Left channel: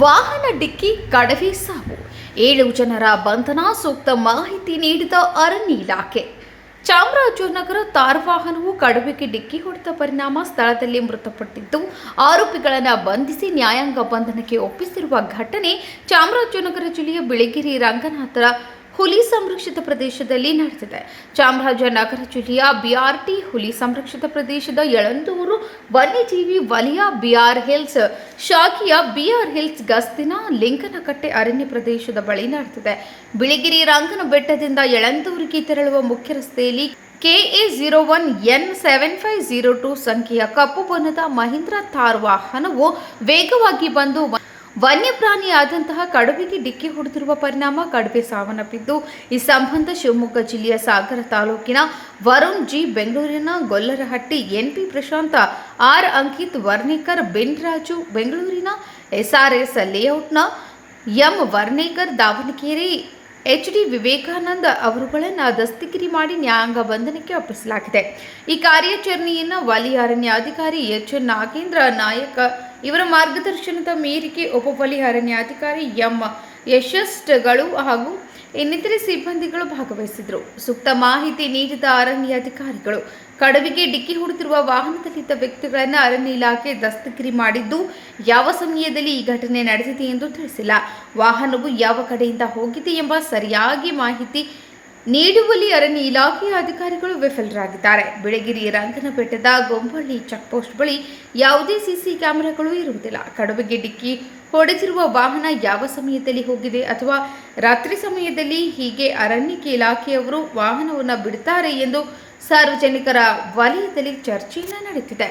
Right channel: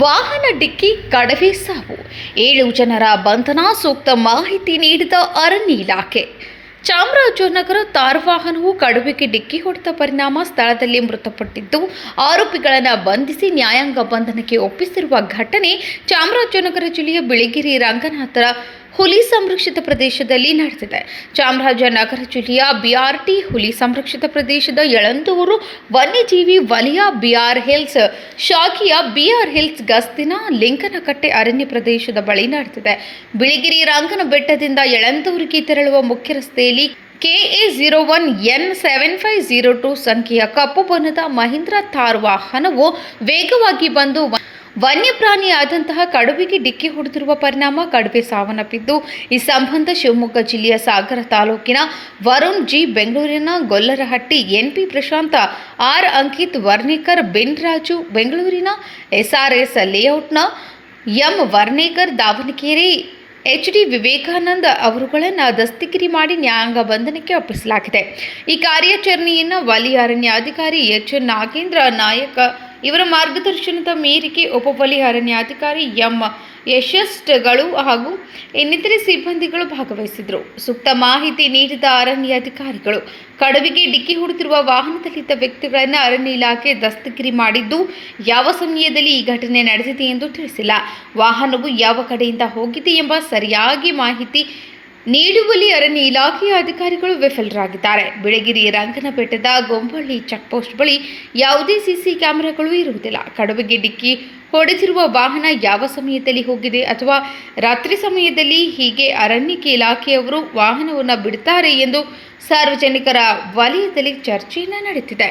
ವಾಹನ ಡಿಕ್ಕಿ ಕಡವೆ ಸಾವು 7 ಜನರ ಬಂಧನ ಸೂಕ್ತ ಮಾಹಿತಿ ನೀಡಿದ ಅರಣ್ಯ ಇಲಾಖೆ. ಚಾಮರಾಜನಗರ ತಾರ್ ವಾಹನವು ಕಡವೆಗೆ ಡಿಕ್ಕಿ ಹೊಡೆದ ಪರಿಣಾಮ ಸ್ಥಳದಲ್ಲಿ ಮೃತಪಟ್ಟಿದ್ದು, ಆರೋಪಿಗಳನ್ನು ಬಂಧಿಸಿ ನ್ಯಾಯಾಂಗ ಬಂಧನಕ್ಕೆ ಒಪ್ಪಿಸಿರುವ ಘಟನೆ ಚಾಮರಾಜನಗರ ಜಿಲ್ಲೆಯ ಬಿಳಿಗಿರಿ ರಂಗನಾಥರ ಹುಲಿ ಸಂರಕ್ಷಿತ ಪ್ರದೇಶದಲ್ಲಿ ನಡೆದಿದೆ. ಚಾಮರಾಜನಗರ ಜಿಲ್ಲೆಯ ಬಿಆರ್ಟಿ ಹುಲಿ ಸಂರಕ್ಷಿತ ಪ್ರದೇಶದ ಯಳಂದೂರು ವನ್ಯಜೀವಿ ವಲಯ ಬಿಆರ್ ಹಿಲ್ಸ್ ಶಾಖೆಯ ಬಿಆರ್ ಹಿಲ್ಸ್ ಗಸ್ತಿನ ಲಿಂಗನಕಟ್ಟೆ ಅರಣ್ಯ ಪ್ರದೇಶದ ಬಳಿ ನಡೆದಿದೆ. ಬಿಳಿಗಿರಿ ರಂಗನ ಬೆಟ್ಟದಿಂದ ಯಳಂದೂರಿಗೆ ತೆರಳುವ ಮುಖ್ಯ ರಸ್ತೆಯಲ್ಲಿ KA01N7502 ಸಂಖ್ಯೆಯ ಕಪ್ಪು ಬಣ್ಣದ ಮಹೀಂದ್ರ ಥಾರ್ ವಾಹನವು ವೇಗವಾಗಿ ಬಂದು ವನ್ಯಪ್ರಾಣಿಯಾದಂತಹ ಕಡವೆಗೆ ಡಿಕ್ಕಿ ಹೊಡೆದಿರುವ ಪರಿಣಾಮ ಕಡವೆ ಸಾವನ್ನಪ್ಪಿದ್ದು, ಈ ಸಂಬಂಧ ಶಿವಮೊಗ್ಗ ಜಿಲ್ಲೆಯ ಸಾಗರ ತಾಲೂಕಿನ ವರುಣ್ ಜಿ, ಬೆಂಗಳೂರಿನ ಗೊಲ್ಲರಹಟ್ಟಿ ಎನ್ಪಿ ಪ್ರಶಾಂತ ಆರ್, ಅಂಕಿತ್ ವರ್ಣೇಕರ್, ಬಿನ್ ರಾಜು, ಬೆಂಗಳೂರಿನ SRS ಲೇಔಟ್ನ ಎಂ ವರ್ಣೇಕರ್, ದಾವಣಗೆರೆ HD ವಿವೇಕಾನಂದ ಅವರುಗಳನ್ನು ದಸ್ತಗಿರಿ ಮಾಡಿ ನ್ಯಾಯಾಂಗ ಬಂಧನಕ್ಕೆ ಒಪ್ಪಿಸಲಾಗಿದೆ. ಈ ಕಾರ್ಯಾಚರಣೆಯನ್ನು ವಲಯ ಅರಣ್ಯಾಧಿಕಾರಿ HN ನಾಗೇಂದ್ರ ನಾಯಕ ಇವರ ಮಾರ್ಗದರ್ಶನದ ಮೇರೆಗೆ ಉಪವಲಯ ಅರಣ್ಯಾಧಿಕಾರಿ ಎಂ ಯಶಸ್ಗಳು ಹಾಗೂ ಇನ್ನಿತರೆ ಸಿಬ್ಬಂದಿಗಳು ಭಾಗವಹಿಸಿದರು. ಸೂಕ್ತ ಮಾಹಿತಿ ನೀಡಿದ ಅರಣ್ಯಾಧಿಕಾರಿಗಳು ಕಡವೆಗೆ ಡಿಕ್ಕಿ ಹೊಡೆದಿರುವ ವಾಹನದಲ್ಲಿದ್ದ ವ್ಯಕ್ತಿಗಳನ್ನು ಅರಣ್ಯ ಇಲಾಖೆ ದಸ್ತಗಿರಿ ಮಾಡಿದ್ದು, ಯಾವ ಸಮಯದಲ್ಲಿ ಈ ಘಟನೆ ನಡೆದಿದೆ ಎಂದು ತಿಳಿಸಿಲ್ಲ. ವಾಹನವು ಯಾವ ಕಡೆಯಿಂದ ಹೋಗಿದೆ ಎಂಬ ಸರಿಯಾಗಿ ಮಾಹಿತಿ ನೀಡುವಲ್ಲಿ ಅರಣ್ಯ ಇಲಾಖೆಯ ಅಧಿಕಾರಿಗಳು ವಿಫಲರಾಗಿದ್ದಾರೆ. ಬಿಳಿಗಿರಿ ರಂಗನಬೆಟ್ಟದ ಗೊಂಬಳ್ಳಿ ಚೆಕ್ಪೋಸ್ಟ್ ಬಳಿ ಯಾವುದೇ ಸಿಸಿ ಕ್ಯಾಮೆರಾಗಳು ಇರುವುದಿಲ್ಲ. ಕಡವೆಗೆ ಡಿಕ್ಕಿ ಹೊಡೆದಿರುವ ವಾಹನ ಯಾವ ಸಮಯದಲ್ಲಿ ಹೋಗಿದೆ ಅಥವಾ ರಾತ್ರಿ ಸಮಯದಲ್ಲಿ ಹೀಗೆ ಅರಣ್ಯ ಇಲಾಖೆಯವರು ವಾಹನವನ್ನು ಬಿಡುತ್ತಾರೆ ಎಂದು ಸಾರ್ವಜನಿಕರ ವಲಯದಲ್ಲಿ ಚರ್ಚೆಯನ್ನು ನಡೆದಿದೆ.